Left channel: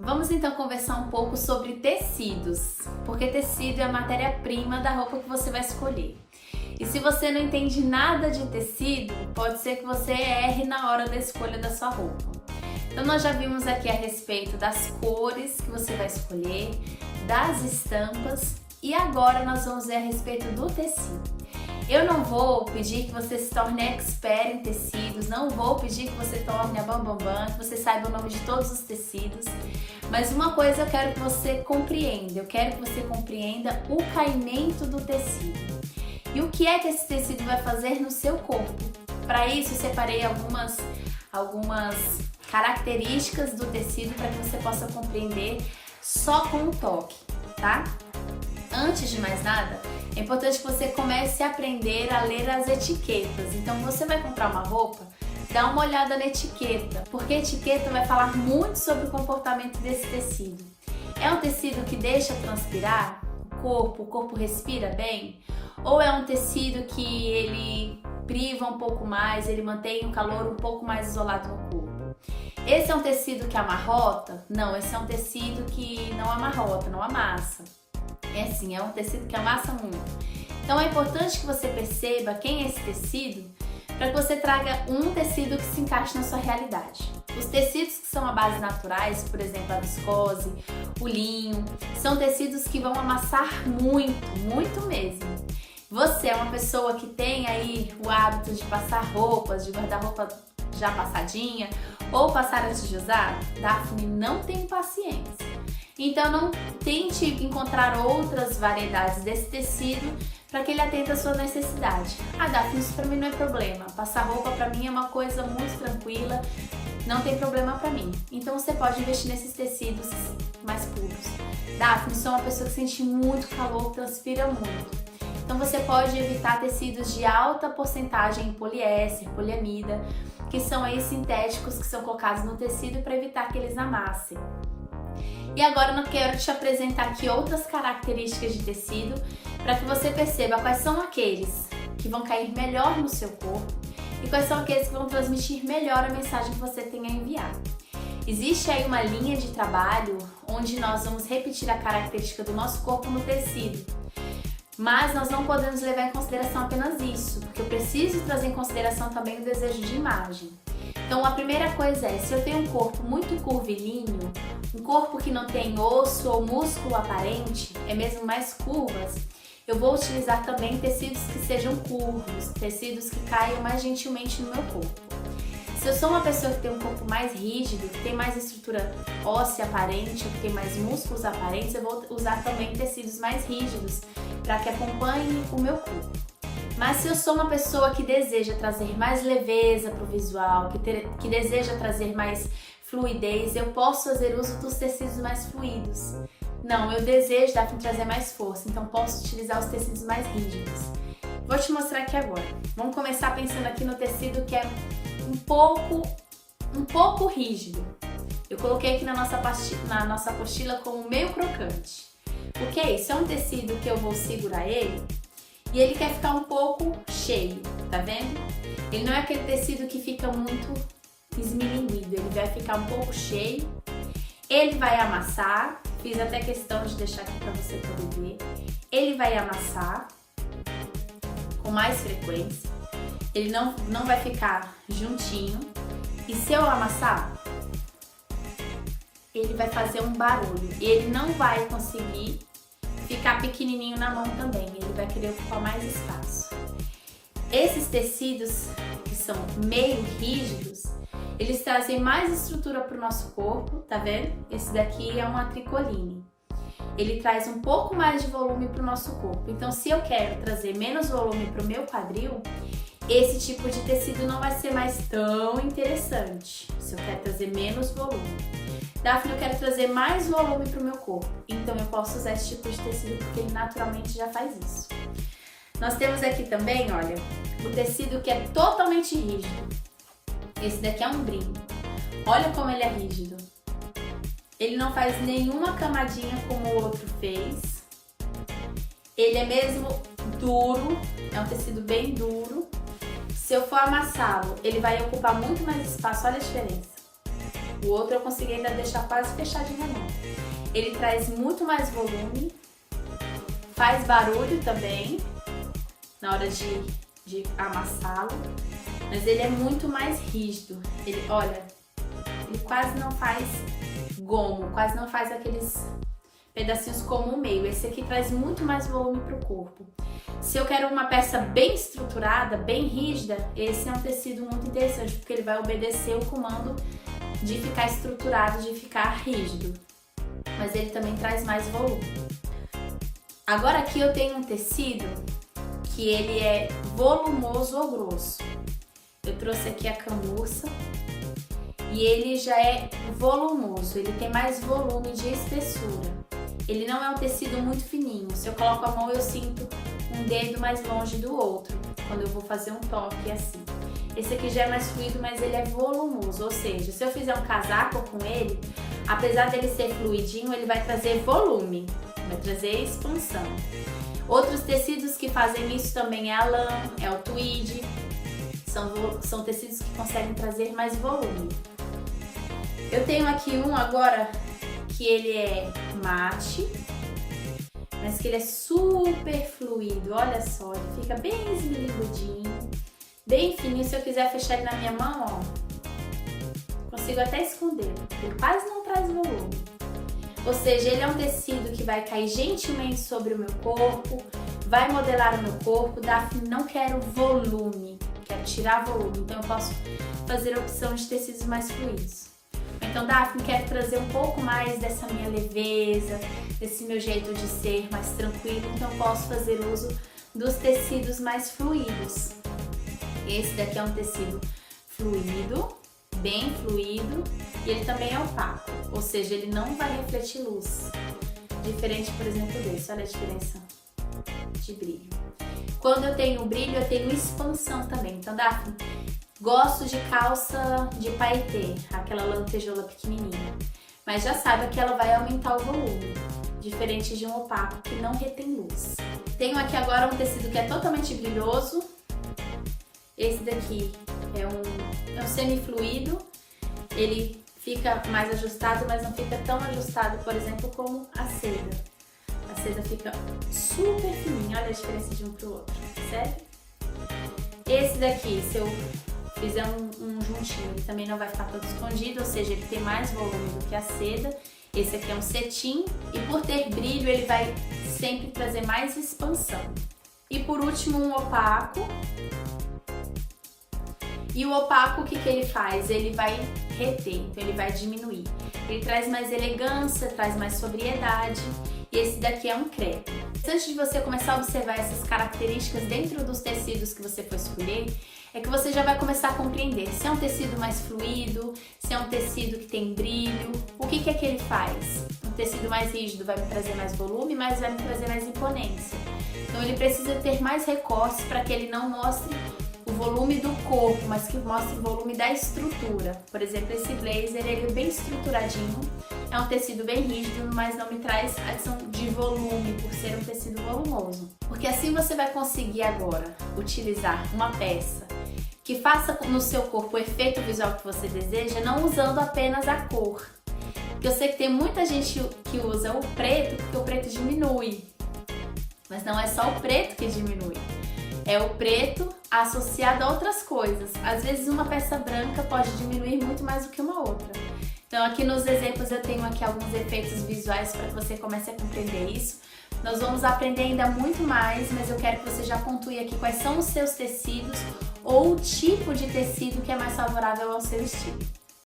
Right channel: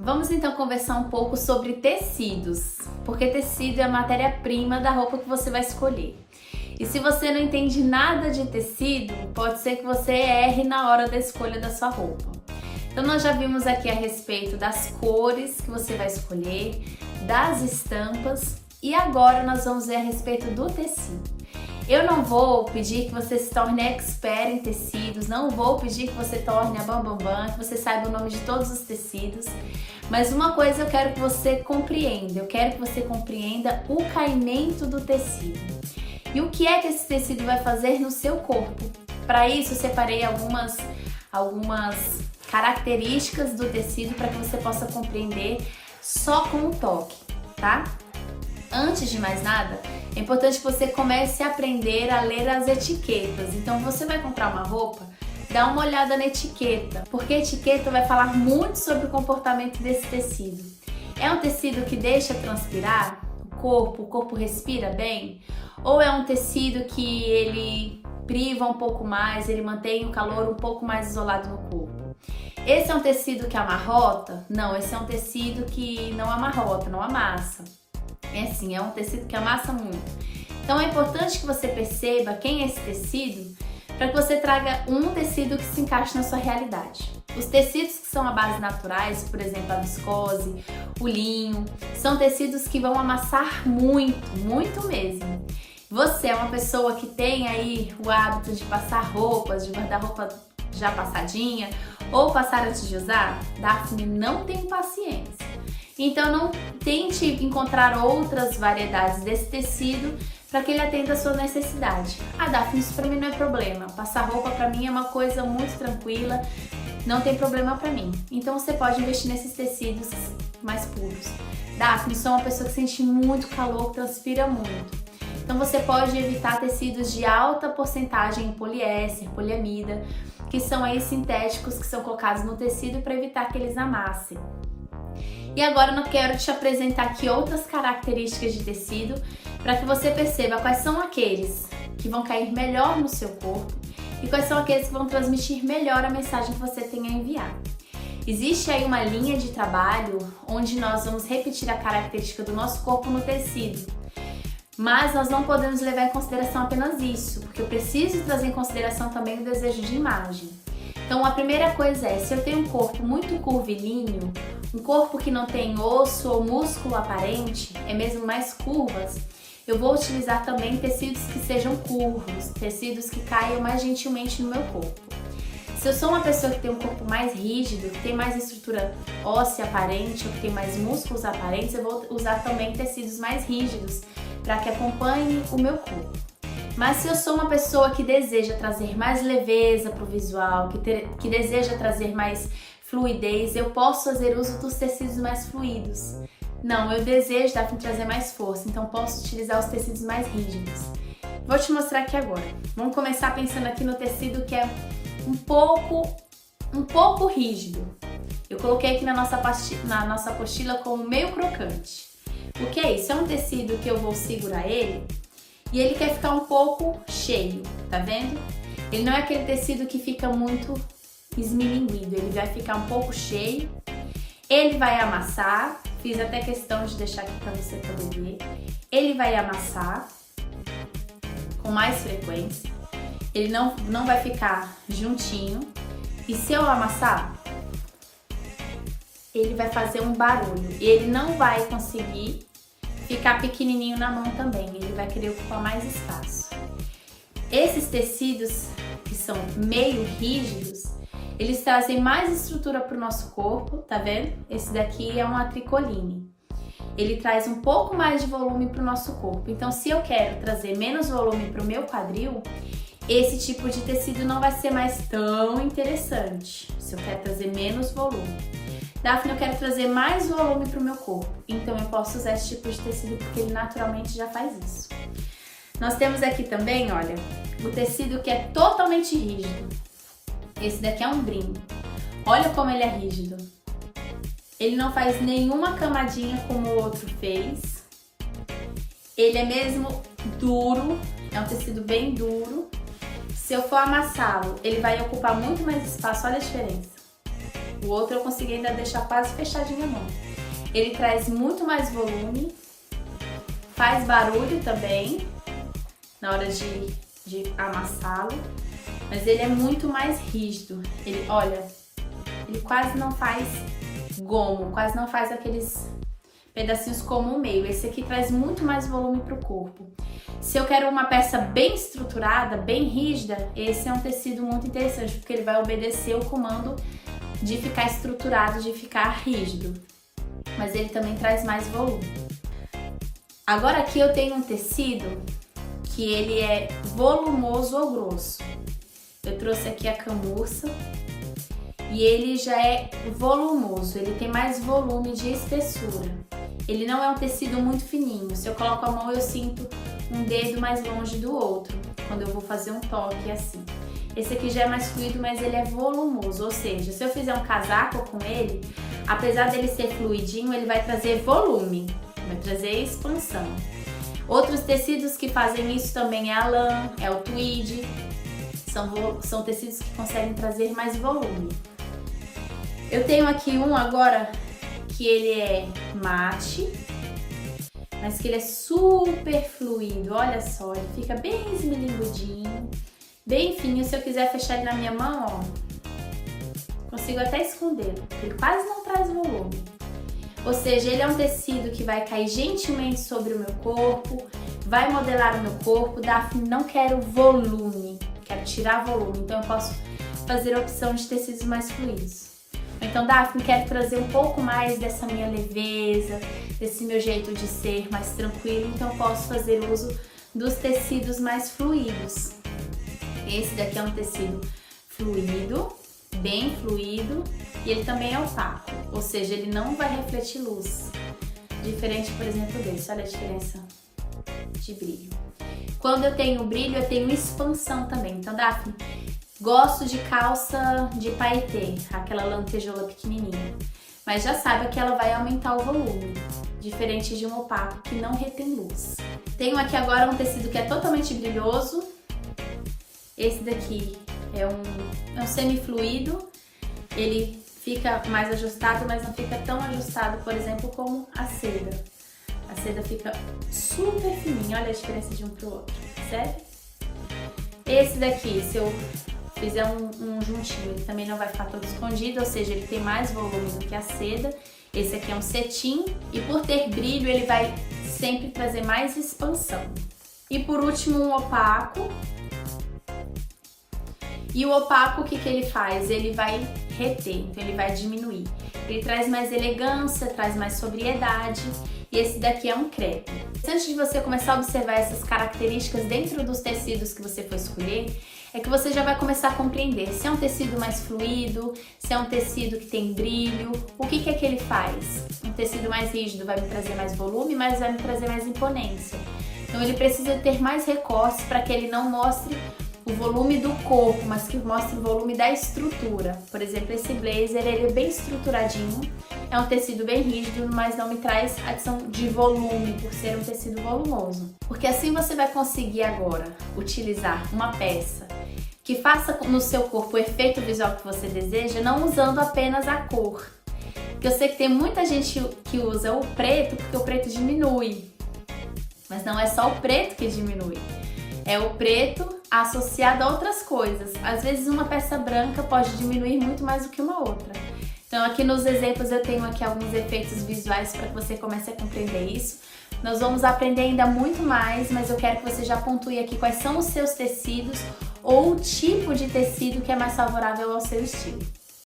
Vamos então conversar um pouco sobre tecidos, porque tecido é a matéria-prima da roupa que você vai escolher. E se você não entende nada de tecido, pode ser que você erre na hora da escolha da sua roupa. Então nós já vimos aqui a respeito das cores que você vai escolher, das estampas e agora nós vamos ver a respeito do tecido. Eu não vou pedir que você se torne expert em tecidos, não vou pedir que você torne a bambambam, que você saiba o nome de todos os tecidos, mas uma coisa eu quero que você compreenda, o caimento do tecido. E o que é que esse tecido vai fazer no seu corpo? Para isso eu separei algumas características do tecido para que você possa compreender só com o toque, tá? Antes de mais nada, é importante que você comece a aprender a ler as etiquetas. Então, você vai comprar uma roupa, dá uma olhada na etiqueta, porque a etiqueta vai falar muito sobre o comportamento desse tecido. É um tecido que deixa transpirar o corpo respira bem? Ou é um tecido que ele priva um pouco mais, ele mantém o calor um pouco mais isolado no corpo? Esse é um tecido que amarrota? Não, esse é um tecido que não amarrota, não amassa. É um tecido que amassa muito. Então é importante que você perceba quem é esse tecido para que você traga um tecido que se encaixe na sua realidade. Os tecidos que são a base naturais, por exemplo, a viscose, o linho, são tecidos que vão amassar muito, muito mesmo. Você é uma pessoa que tem aí o hábito de passar roupas, de guardar roupa já passadinha ou passar antes de usar? Daphne, não tenho paciência. Então não tente encontrar outras variedades desse tecido para que ele atenda a sua necessidade. Daphne, isso para mim não é problema. Passar roupa para mim é uma coisa muito tranquila, não tem problema para mim. Então você pode investir nesses tecidos mais puros. Daphne, sou uma pessoa que sente muito calor, transpira muito. Então você pode evitar tecidos de alta porcentagem em poliéster, poliamida, que são aí sintéticos que são colocados no tecido para evitar que eles amassem. E agora eu quero te apresentar aqui outras características de tecido para que você perceba quais são aqueles que vão cair melhor no seu corpo e quais são aqueles que vão transmitir melhor a mensagem que você tem a enviar. Existe aí uma linha de trabalho onde nós vamos repetir a característica do nosso corpo no tecido, mas nós não podemos levar em consideração apenas isso, porque eu preciso trazer em consideração também o desejo de imagem. Então a primeira coisa é, se eu tenho um corpo muito curvilíneo, um corpo que não tem osso ou músculo aparente, é mesmo mais curvas, eu vou utilizar também tecidos que sejam curvos, tecidos que caiam mais gentilmente no meu corpo. Se eu sou uma pessoa que tem um corpo mais rígido, que tem mais estrutura óssea aparente, ou que tem mais músculos aparentes, eu vou usar também tecidos mais rígidos para que acompanhem o meu corpo. Mas se eu sou uma pessoa que deseja trazer mais leveza para o visual, que deseja trazer mais fluidez, eu posso fazer uso dos tecidos mais fluidos. Não, eu desejo trazer mais força, então posso utilizar os tecidos mais rígidos. Vou te mostrar aqui agora. Vamos começar pensando aqui no tecido que é um pouco rígido. Eu coloquei aqui na nossa apostila como meio crocante. O que é isso? É um tecido que eu vou segurar ele e ele quer ficar um pouco cheio, tá vendo? Ele não é aquele tecido que fica muito esmilinguido, ele vai ficar um pouco cheio, ele vai amassar, fiz até questão de deixar aqui para você poder ver, ele vai amassar com mais frequência, ele não vai ficar juntinho, e se eu amassar, ele vai fazer um barulho, e ele não vai conseguir ficar pequenininho na mão também, ele vai querer ocupar mais espaço. Esses tecidos que são meio rígidos, eles trazem mais estrutura para o nosso corpo, tá vendo? Esse daqui é uma tricoline. Ele traz um pouco mais de volume para o nosso corpo. Então, se eu quero trazer menos volume para o meu quadril, esse tipo de tecido não vai ser mais tão interessante. Se eu quero trazer menos volume. Daphne, eu quero trazer mais volume para o meu corpo. Então, eu posso usar esse tipo de tecido porque ele naturalmente já faz isso. Nós temos aqui também, olha, o tecido que é totalmente rígido. Esse daqui é um brim. Olha como ele é rígido. Ele não faz nenhuma camadinha como o outro fez. Ele é mesmo duro, é um tecido bem duro. Se eu for amassá-lo, ele vai ocupar muito mais espaço, olha a diferença. O outro eu consegui ainda deixar quase fechadinha a mão. Ele traz muito mais volume, faz barulho também na hora de amassá-lo, mas ele é muito mais rígido. Ele, olha, ele quase não faz gomo, quase não faz aqueles pedacinhos como o meio. Esse aqui traz muito mais volume para o corpo. Se eu quero uma peça bem estruturada, bem rígida, esse é um tecido muito interessante, porque ele vai obedecer o comando de ficar estruturado, de ficar rígido. Mas ele também traz mais volume. Agora aqui eu tenho um tecido que ele é volumoso ou grosso. Eu trouxe aqui a camurça e ele já é volumoso, ele tem mais volume de espessura. Ele não é um tecido muito fininho. Se eu coloco a mão, eu sinto um dedo mais longe do outro, quando eu vou fazer um toque assim. Esse aqui já é mais fluido, mas ele é volumoso, ou seja, se eu fizer um casaco com ele, apesar dele ser fluidinho, ele vai trazer volume, vai trazer expansão. Outros tecidos que fazem isso também é a lã, é o tweed, são tecidos que conseguem trazer mais volume. Eu tenho aqui um agora que ele é mate, mas que ele é super fluido, olha só, ele fica bem esmilinguidinho, bem fininho. Se eu quiser fechar ele na minha mão, ó, consigo até esconder, ele quase não traz volume. Ou seja, ele é um tecido que vai cair gentilmente sobre o meu corpo, vai modelar o meu corpo. Daphne, não quero volume, quero tirar volume, então eu posso fazer a opção de tecidos mais fluidos. Então, Daphne, quero trazer um pouco mais dessa minha leveza, desse meu jeito de ser mais tranquilo, então eu posso fazer uso dos tecidos mais fluidos. Esse daqui é um tecido fluido, bem fluido, e ele também é opaco, ou seja, ele não vai refletir luz. Diferente, por exemplo, desse, olha a diferença de brilho. Quando eu tenho brilho, eu tenho expansão também. Então, Daphne, gosto de calça de paetê, aquela lantejola pequenininha, mas já saiba que ela vai aumentar o volume, diferente de um opaco que não retém luz. Tenho aqui agora um tecido que é totalmente brilhoso. Esse daqui é um semi-fluido, ele fica mais ajustado, mas não fica tão ajustado, por exemplo, como a seda. A seda fica super fininha, olha a diferença de um pro outro, percebe? Esse daqui, se eu fizer um juntinho, ele também não vai ficar todo escondido, ou seja, ele tem mais volume do que a seda. Esse aqui é um cetim e por ter brilho, ele vai sempre trazer mais expansão. E por último, um opaco. E o opaco, o que ele faz? Ele vai reter, então ele vai diminuir. Ele traz mais elegância, traz mais sobriedade. E esse daqui é um crepe. Antes de você começar a observar essas características dentro dos tecidos que você for escolher, é que você já vai começar a compreender se é um tecido mais fluido, se é um tecido que tem brilho, o que é que ele faz? Um tecido mais rígido vai me trazer mais volume, mas vai me trazer mais imponência. Então ele precisa ter mais recortes para que ele não mostre o volume do corpo, mas que mostre o volume da estrutura. Por exemplo, esse blazer, ele é bem estruturadinho, é um tecido bem rígido, mas não me traz adição de volume por ser um tecido volumoso. Porque assim você vai conseguir agora utilizar uma peça que faça no seu corpo o efeito visual que você deseja, não usando apenas a cor. Porque eu sei que tem muita gente que usa o preto porque o preto diminui, mas não é só o preto que diminui. É o preto associado a outras coisas. Às vezes uma peça branca pode diminuir muito mais do que uma outra. Então aqui nos exemplos eu tenho aqui alguns efeitos visuais para que você comece a compreender isso. Nós vamos aprender ainda muito mais, mas eu quero que você já pontue aqui quais são os seus tecidos ou o tipo de tecido que é mais favorável ao seu estilo.